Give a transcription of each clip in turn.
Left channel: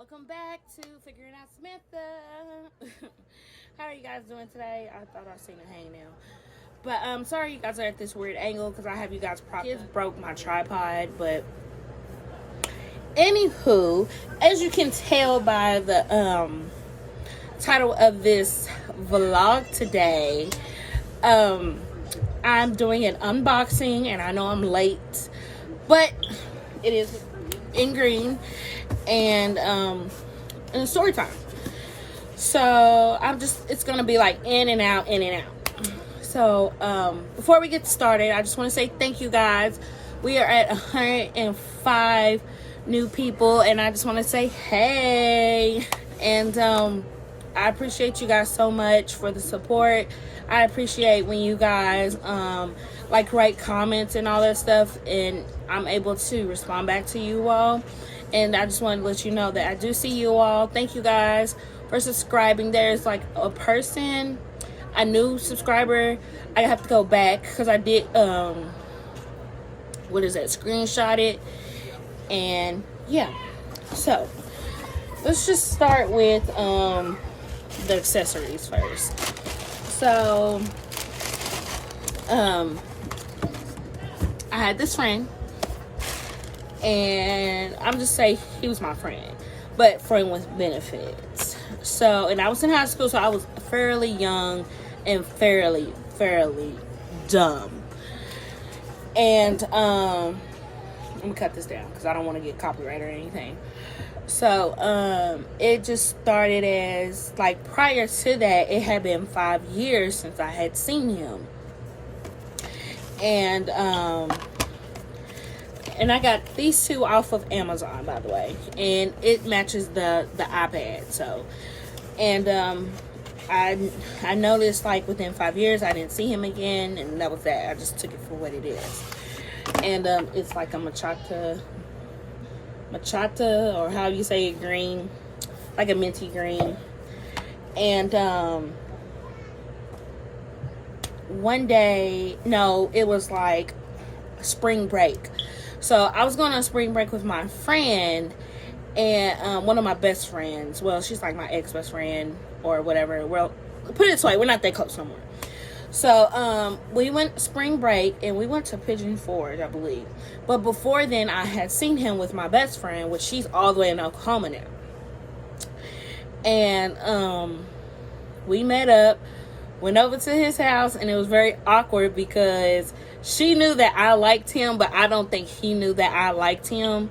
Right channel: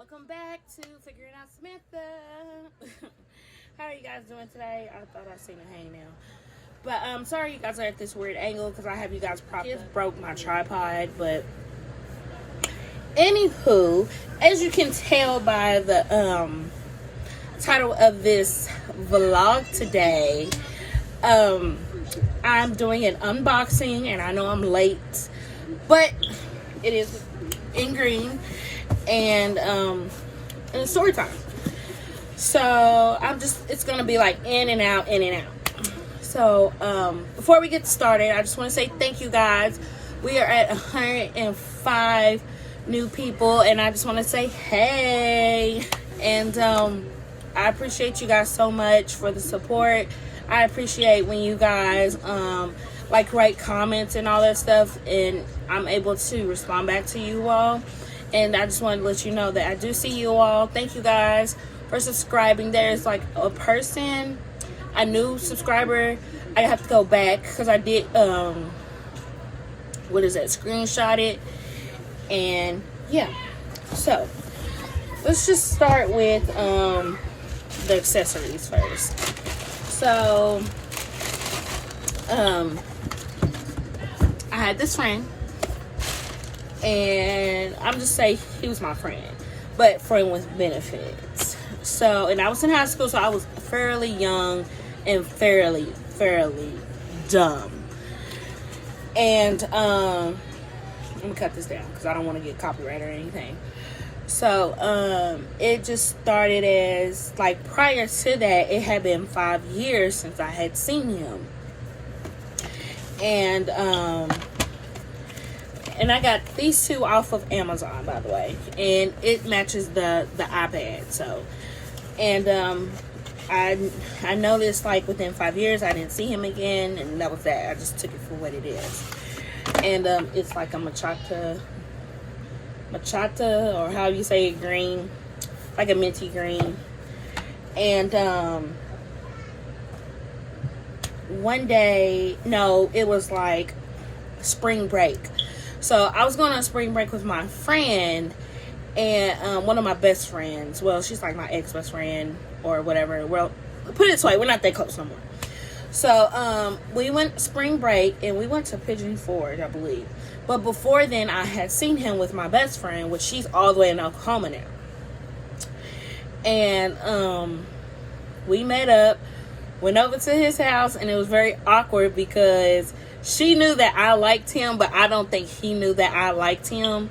Welcome back to Figuring Out Samantha. How are you guys doing today? I thought I seen a hang now. But sorry you guys are at this weird angle because I have you guys propped. It broke my tripod, but anywho, as you can tell by the title of this vlog today, I'm doing an unboxing, and I know I'm late, but it is in green. And story time. So it's gonna be like in and out. So before we get started, I just want to say thank you guys. We are at 105 new people, and I just want to say hey. And I appreciate you guys so much for the support. I appreciate when you guys write comments and all that stuff, and I'm able to respond back to you all. And I just wanted to let you know that I do see you all. Thank you guys for subscribing. There's like a new subscriber. I have to go back because I did, screenshot it. And yeah. So, let's just start with the accessories first. So, I had this friend. And I'm just saying he was my friend, but friend with benefits. So, and I was in high school, so I was fairly young and fairly dumb. And I'm gonna cut this down because I don't want to get copyright or anything. So it just started as like prior to that, it had been 5 years since I had seen him. And I got these two off of Amazon, by the way. And it matches the iPad. So, and I noticed like within 5 years I didn't see him again, and that was that. I just took it for what it is. And it's like a machata, or how you say it, green, like a minty green. And one day, no, it was like spring break. So I was going on spring break with my friend, and one of my best friends. Well, she's like my ex-best friend or whatever. Well, put it this way, we're not that close no more. So we went spring break, and we went to Pigeon Forge, I believe. But before then, I had seen him with my best friend, which she's all the way in Oklahoma now. And we met up, went over to his house, and it was very awkward because she knew that I liked him, but I don't think he knew that I liked him.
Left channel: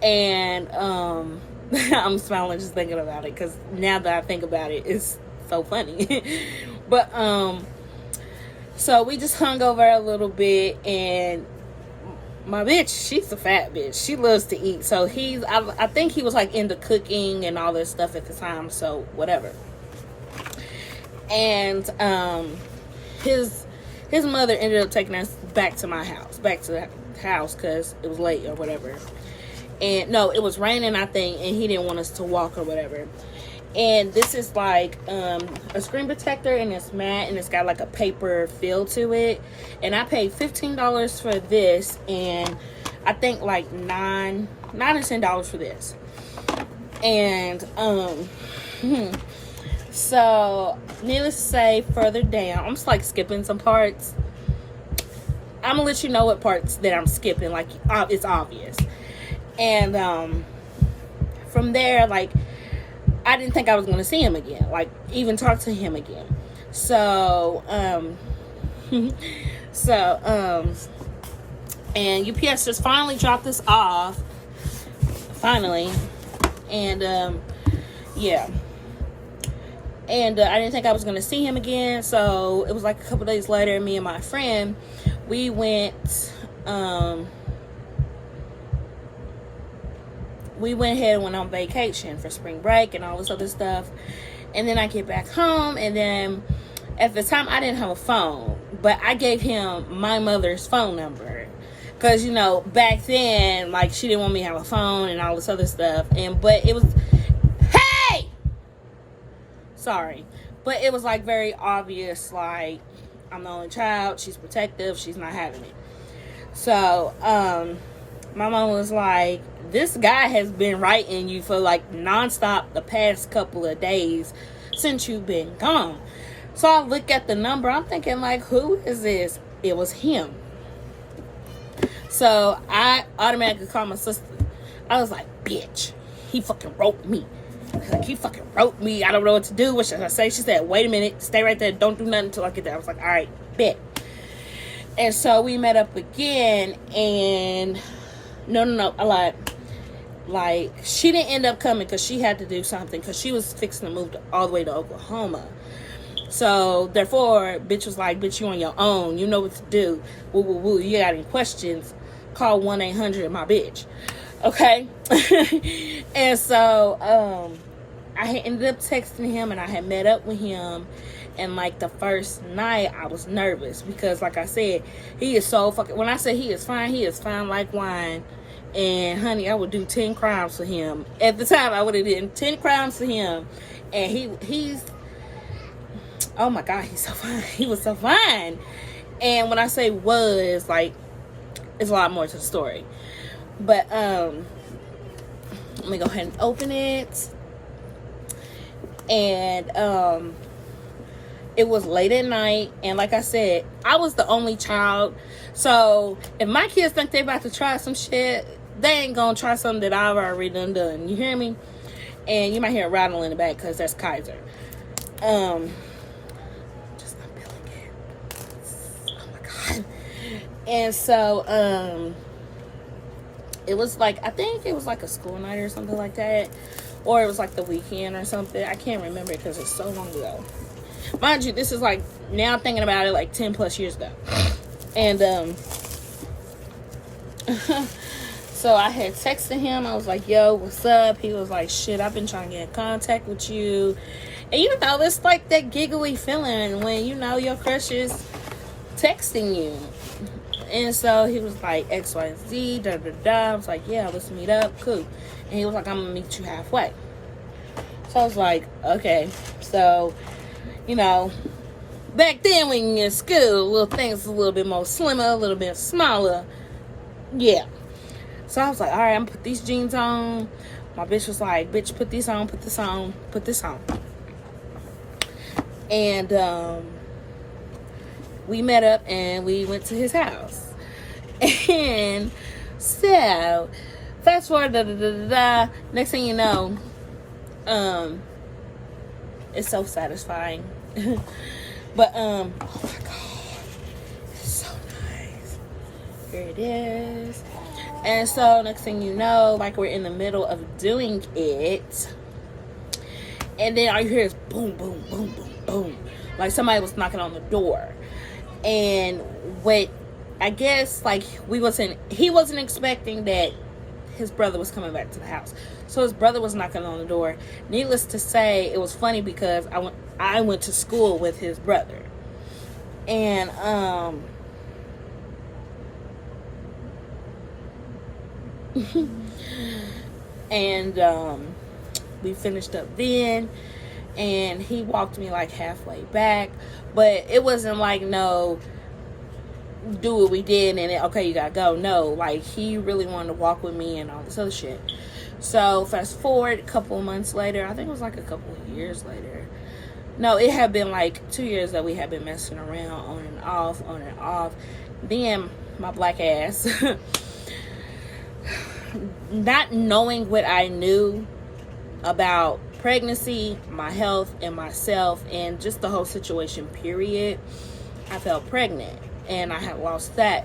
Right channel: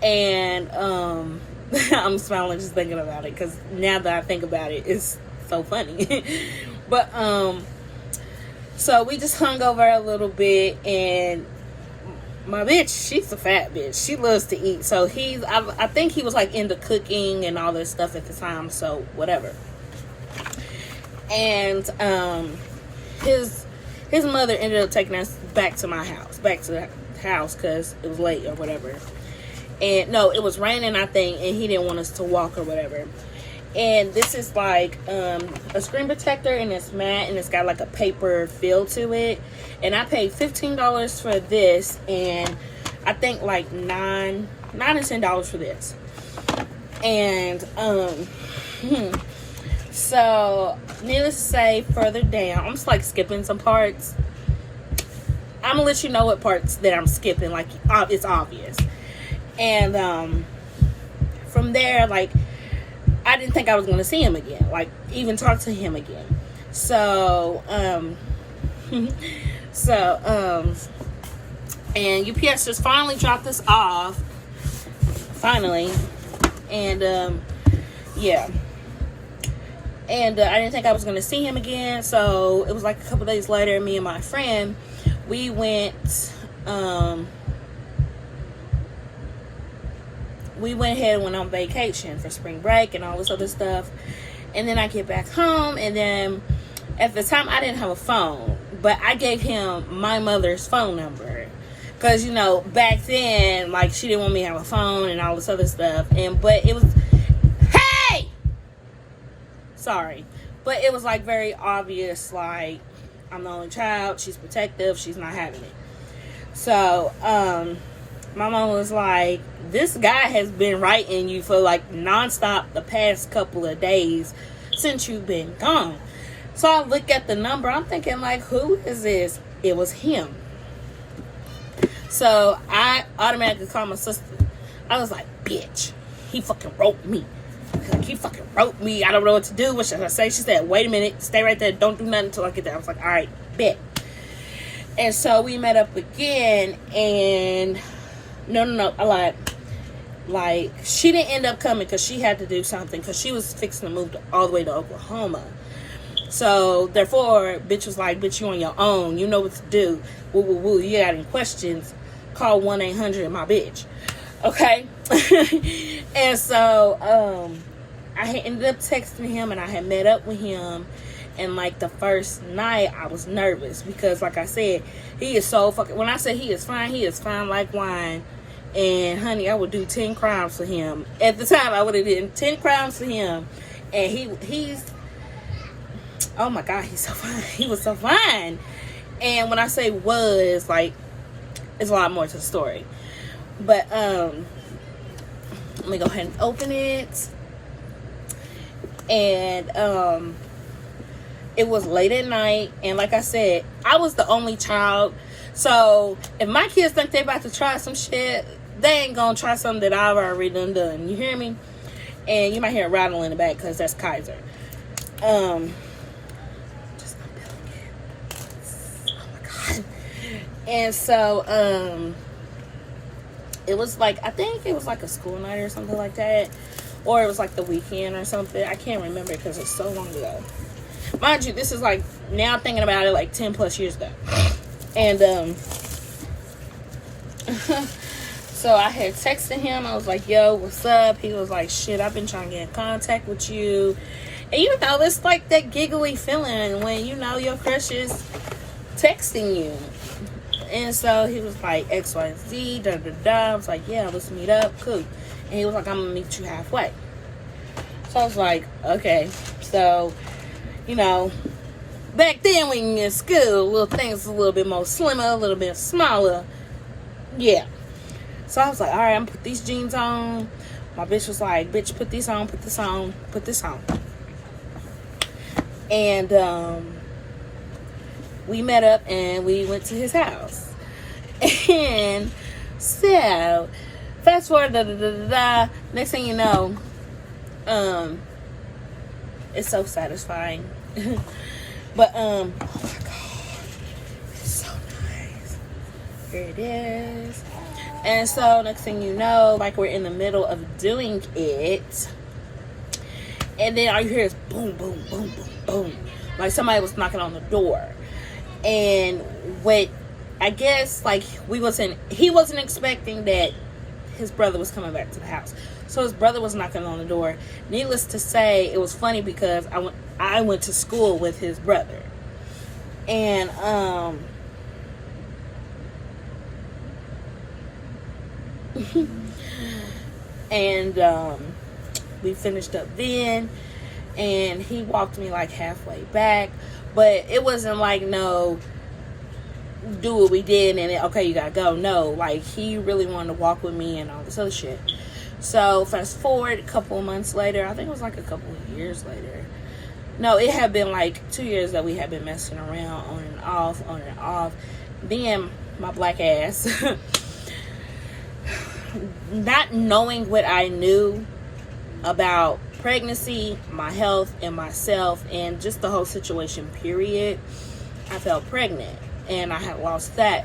And I'm smiling just thinking about it because now that I think about it, it's so funny. But so we just hung over a little bit, and my bitch, she's a fat bitch. She loves to eat. So I think he was like into cooking and all this stuff at the time. So whatever. And his mother ended up taking us back to the house because it was late or whatever. And no, it was raining, I think, and he didn't want us to walk or whatever. And this is like a screen protector, and it's matte, and it's got like a paper feel to it. And I paid $15 for this, and I think like $9 or $10 for this. And so, needless to say, further down, I'm just like skipping some parts. I'm gonna let you know what parts that I'm skipping, like it's obvious. And from there, like I didn't think I was gonna see him again, like even talk to him again. So, and UPS just finally dropped us off. Finally, and yeah. And I didn't think I was going to see him again. So it was like a couple days later, me and my friend, we went ahead and went on vacation for spring break and all this other stuff. And then I get back home, and then at the time I didn't have a phone, but I gave him my mother's phone number. Because, you know, back then, like, she didn't want me to have a phone and all this other stuff. But it was, sorry, but it was like very obvious, like I'm the only child, she's protective, she's not having it. So my mom was like, this guy has been writing you for like nonstop the past couple of days since you've been gone. So I look at the number. I'm thinking, like, who is this? It was him. So I automatically called my sister. I was like, bitch, he fucking wrote me. Like, he fucking wrote me. I don't know what to do. What should I say? She said, wait a minute. Stay right there. Don't do nothing until I get there. I was like, all right, bet. And so we met up again. And no, I lied. Like, she didn't end up coming because she had to do something. Because she was fixing to move all the way to Oklahoma. So, therefore, bitch was like, bitch, you on your own. You know what to do. Woo, woo, woo. You got any questions? Call 1-800 my bitch. Okay? And so, I had ended up texting him, and I had met up with him. And, like, the first night, I was nervous. Because, like I said, he is so fucking... When I say he is fine like wine. And, honey, I would do 10 crimes for him. At the time, I would have done 10 crimes for him. And he's... Oh my God, he's so fine. He was so fine. And when I say was, like, it's a lot more to the story. But, let me go ahead and open it. And, it was late at night. And like I said, I was the only child. So, if my kids think they about to try some shit, they ain't gonna try something that I've already done. You hear me? And you might hear a rattle in the back because that's Kaiser. And so, it was like, I think it was like a school night or something like that. Or it was like the weekend or something. I can't remember because it's so long ago. Mind you, this is like, now thinking about it, like 10 plus years ago. And, so I had texted him. I was like, yo, what's up? He was like, shit, I've been trying to get in contact with you. And you know, it's like that giggly feeling when you know your crush is texting you. And so he was like, XYZ, da da da. I was like, yeah, let's meet up. Cool. And he was like, I'm gonna meet you halfway. So I was like, okay. So, you know, back then when you're in school, little things a little bit more slimmer, a little bit smaller. Yeah. So I was like, all right, I'm gonna put these jeans on. My bitch was like, bitch, put these on, put this on, put this on. And, we met up and we went to his house. And so, fast forward, next thing you know, it's so satisfying. But, oh my God, it's so nice. Here it is. And so, next thing you know, like we're in the middle of doing it. And then all you hear is boom, boom, boom, boom, boom. Like somebody was knocking on the door. And what I guess like he wasn't expecting that his brother was coming back to the house. So his brother was knocking on the door. Needless to say, it was funny because I went to school with his brother. And and we finished up then, and he walked me like halfway back. But it wasn't like, no, do what we did and okay, you gotta go. No, like he really wanted to walk with me and all this other shit. So fast forward a couple of months later, I think it was like a couple of years later. No, it had been like 2 years that we had been messing around on and off. Then my black ass, not knowing what I knew about pregnancy, my health, and myself, and just the whole situation, period, I felt pregnant. And I had lost that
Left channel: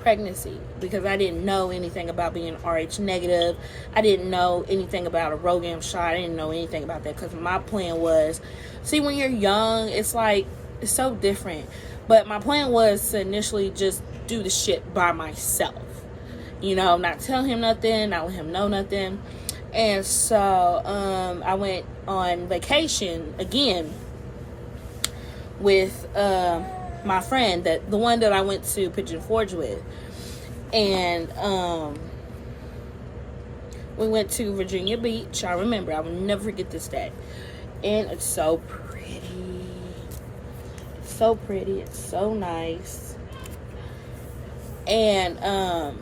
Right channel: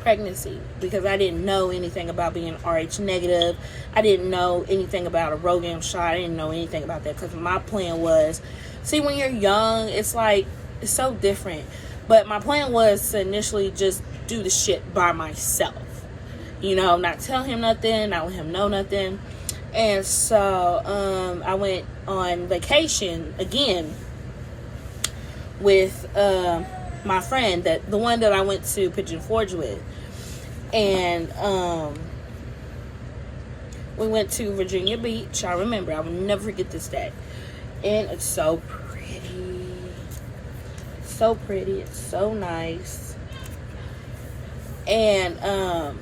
pregnancy because I didn't know anything about being RH negative. I didn't know anything about a RhoGAM shot. I didn't know anything about that because my plan was, see, when you're young, it's like, it's so different. But my plan was to initially just do the shit by myself. You know, not tell him nothing, not let him know nothing. And so I went on vacation again with my friend, the one that I went to Pigeon Forge with. And we went to Virginia Beach. I remember, I will never forget this day. And it's so pretty. It's so pretty. It's so nice. And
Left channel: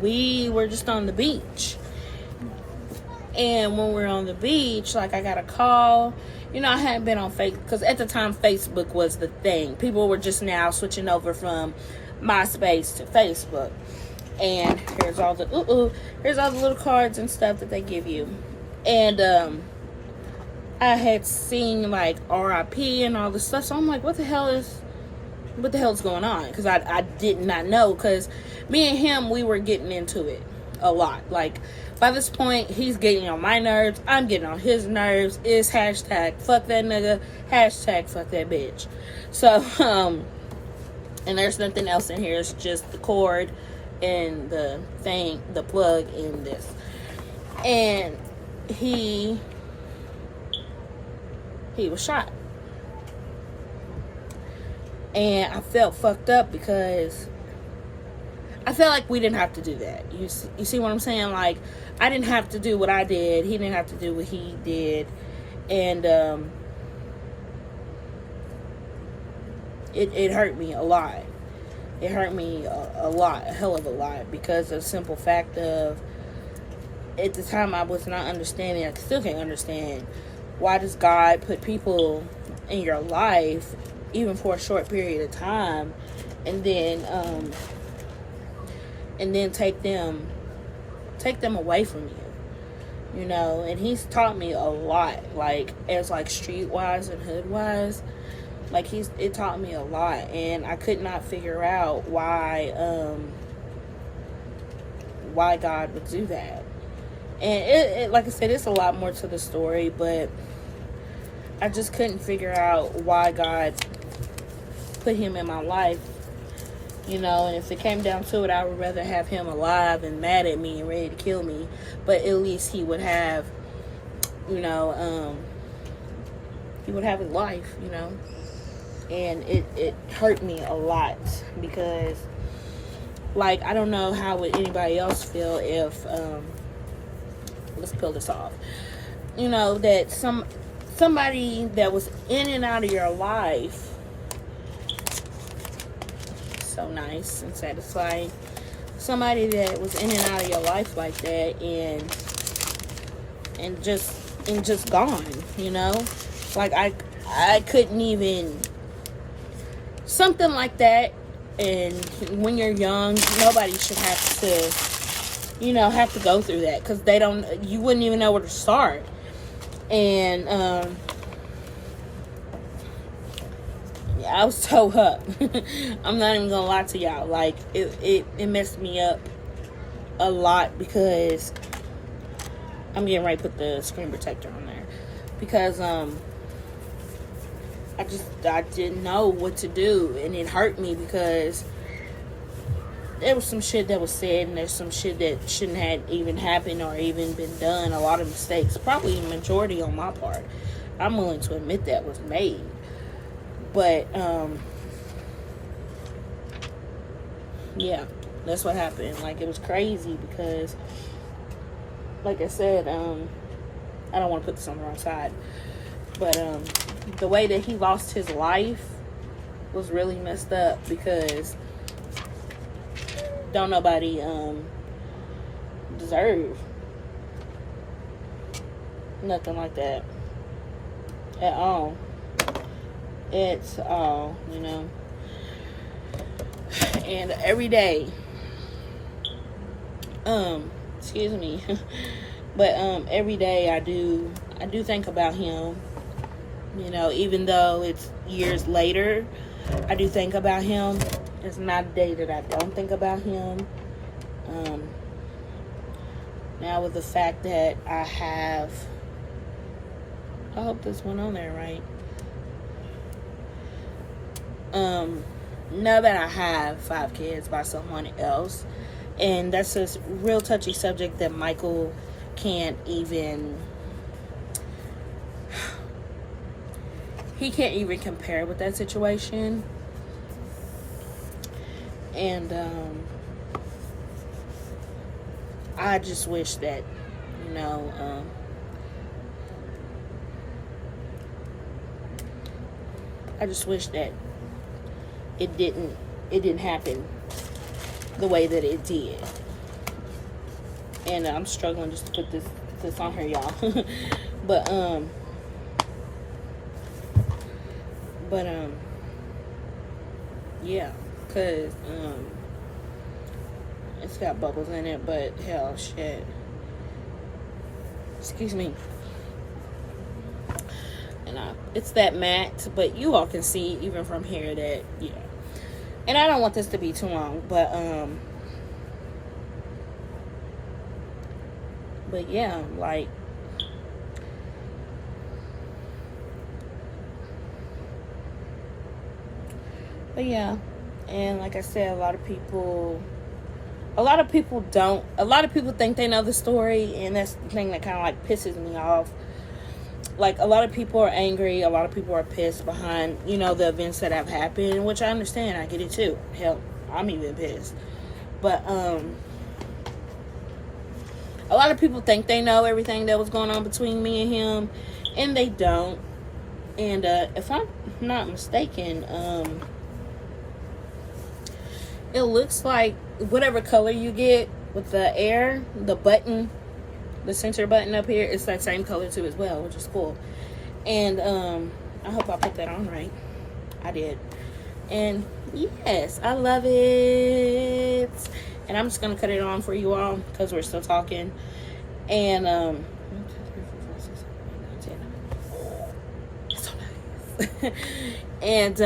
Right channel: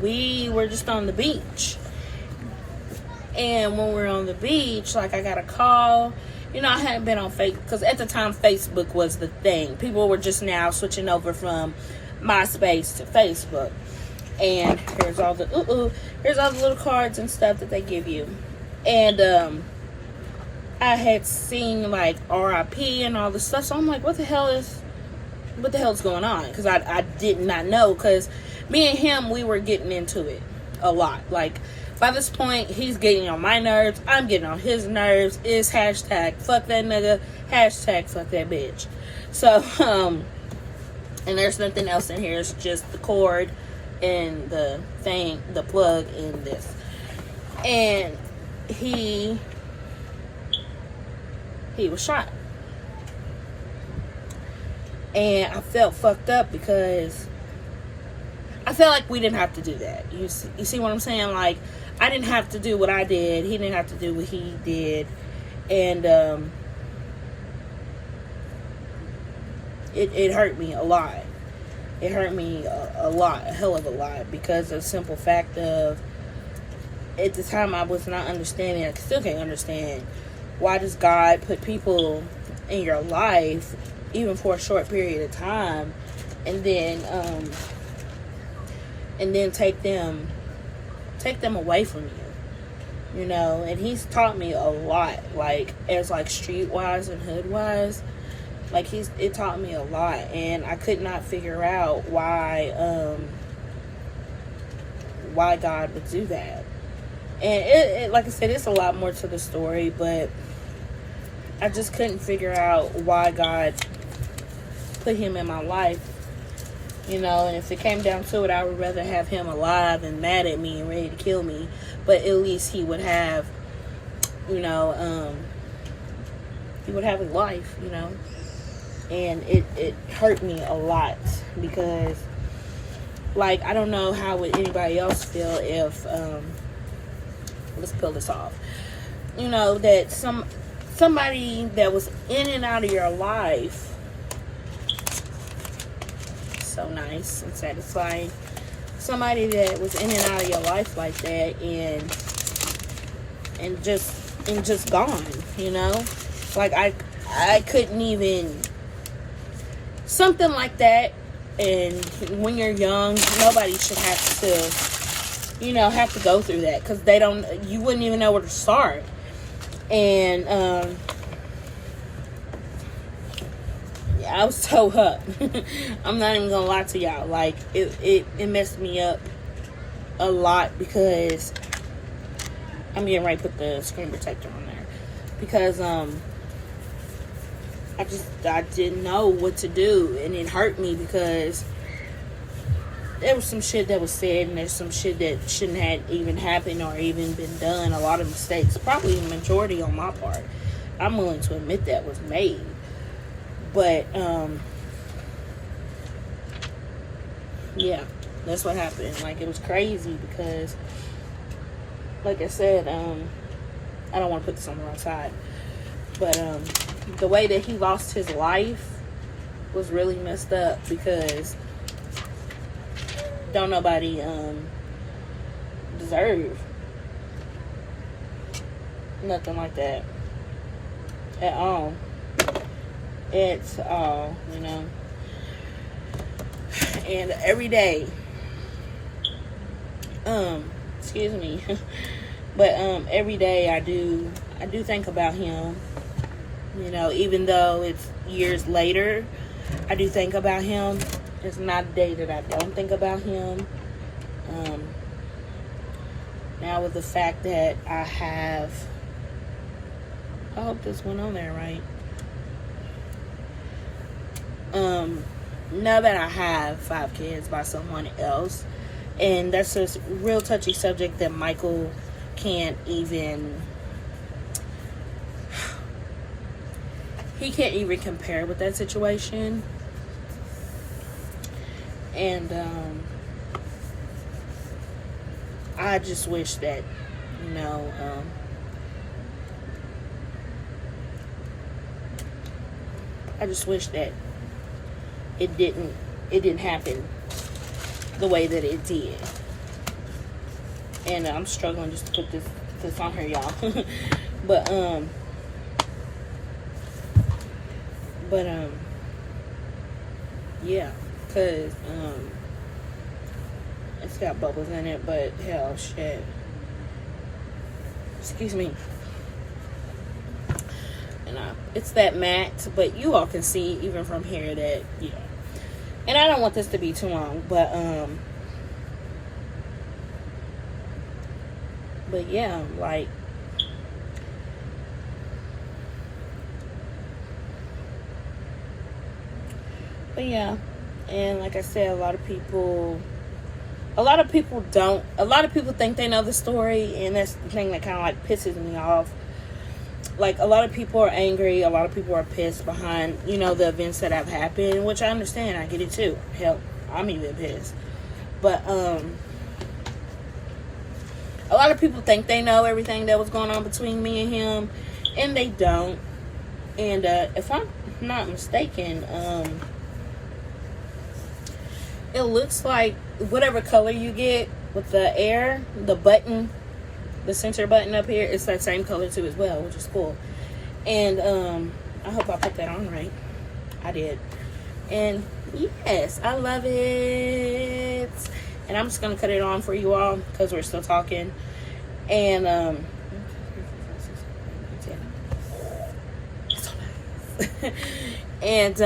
we were just on the beach. And when we were on the beach, like, I got a call. You know, I hadn't been on Facebook, because at the time Facebook was the thing. People were just now switching over from MySpace to Facebook. And here's all the little cards and stuff that they give you. And I had seen like RIP and all this stuff, so I'm like, what the hell is going on? Because I did not know, because me and him, we were getting into it a lot. Like, by this point, he's getting on my nerves, I'm getting on his nerves. It's hashtag fuck that nigga, hashtag fuck that bitch. So and there's nothing else in here. It's just the cord and the plug in this. And he was shot. And I felt fucked up, because I felt like we didn't have to do that. You see what I'm saying? Like, I didn't have to do what I did. He didn't have to do what he did. And it hurt me a lot. It hurt me a lot, a hell of a lot, because of the simple fact of, at the time, I was not understanding. I still can't understand, why does God put people in your life, even for a short period of time, and then take them away from you, you know? And he's taught me a lot, like, as like streetwise and hoodwise. Like, it taught me a lot, and I could not figure out why God would do that. And it like I said, it's a lot more to the story, but I just couldn't figure out why God put him in my life, you know. And if it came down to it, I would rather have him alive and mad at me and ready to kill me, but at least he would have, you know, he would have a life, you know. And it hurt me a lot, because, like, I don't know how would anybody else feel if, let's pull this off, you know, that somebody that was in and out of your life, so nice and satisfying, somebody that was in and out of your life like that, and just gone, you know. Like, I couldn't even, something like that. And when you're young, nobody should have to, you know, have to go through that, because you wouldn't even know where to start. And yeah, I was toe up. I'm not even gonna lie to y'all. Like, it messed me up a lot, because I'm getting ready to put the screen protector on there, because I didn't know what to do, and it hurt me, because there was some shit that was said, and there's some shit that shouldn't have even happened or even been done. A lot of mistakes, probably the majority on my part, I'm willing to admit, that was made. But yeah, that's what happened. Like, it was crazy, because, like I said, I don't want to put this on the wrong side, but the way that he lost his life was really messed up, because don't nobody deserve nothing like that at all. It's all, you know. And every day, excuse me, but every day I do think about him. You know, even though it's years later, I do think about him. There's not a day that I don't think about him. Now, with the fact that I hope this went on there right. Now that I have 5 kids by someone else, and that's a real touchy subject that Michael can't even, he can't even compare with that situation. And I just wish that, you know, I just wish that it didn't happen the way that it did. And I'm struggling just to put this on here, y'all. but yeah, because it's got bubbles in it, but hell, shit. Excuse me. And it's that matte, but you all can see even from here that, yeah. And I don't want this to be too long, but yeah, like, but yeah. And like I said, a lot of people think they know the story, and that's the thing that kind of like pisses me off. Like, a lot of people are angry, a lot of people are pissed behind, you know, the events that have happened, which I understand, I get it too. Hell, I'm even pissed. But a lot of people think they know everything that was going on between me and him, and they don't. And if I'm not mistaken, it looks like whatever color you get with the air, the button, the center button up here, it's that same color too as well, which is cool. And I hope I put that on right. I did. And yes, I love it. And I'm just gonna cut it on for you all because we're still talking. And it's so nice. And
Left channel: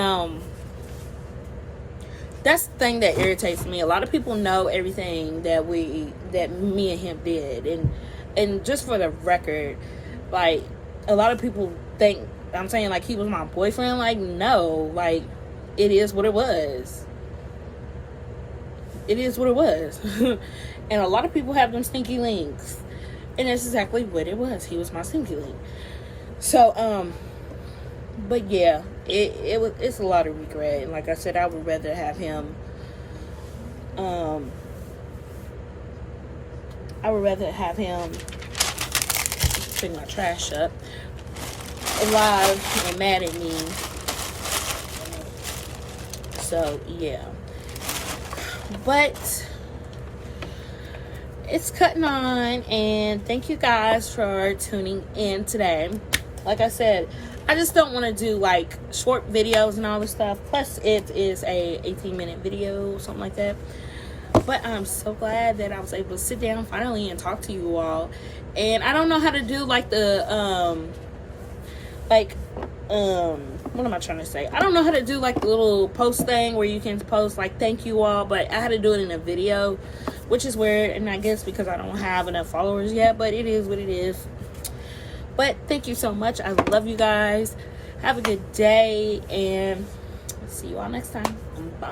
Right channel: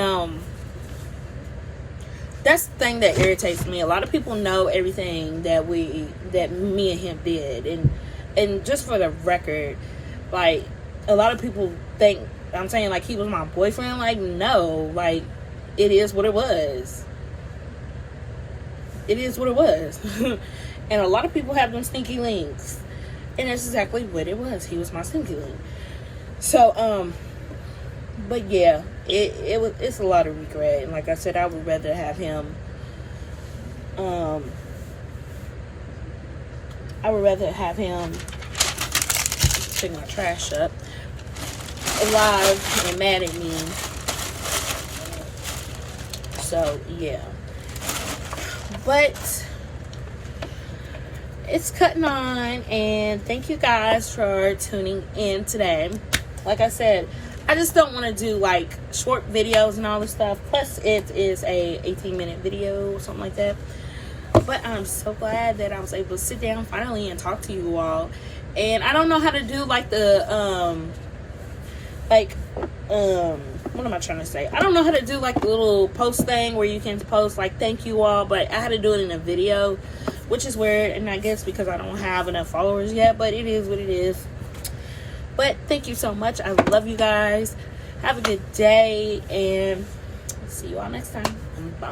that's the thing that irritates me. A lot of people know everything that me and him did, and just for the record, like, a lot of people think I'm saying like he was my boyfriend. Like, no, like, it is what it was. It is what it was. And a lot of people have them stinky links, and that's exactly what it was. He was my stinky link. So but yeah, it's a lot of regret. And like I said, I would rather have him pick my trash up alive and mad at me. So yeah, but it's cutting on, and thank you guys for tuning in today. Like I said, I just don't want to do like short videos and all this stuff. Plus, it is a 18-minute video, something like that. But I'm so glad that I was able to sit down finally and talk to you all. And I don't know how to do like the what am I trying to say? I don't know how to do like the little post thing where you can post like thank you all, but I had to do it in a video, which is weird, and I guess because I don't have enough followers yet, but it is what it is. But thank you so much. I love you guys. Have a good day, and see you all next time. Bye.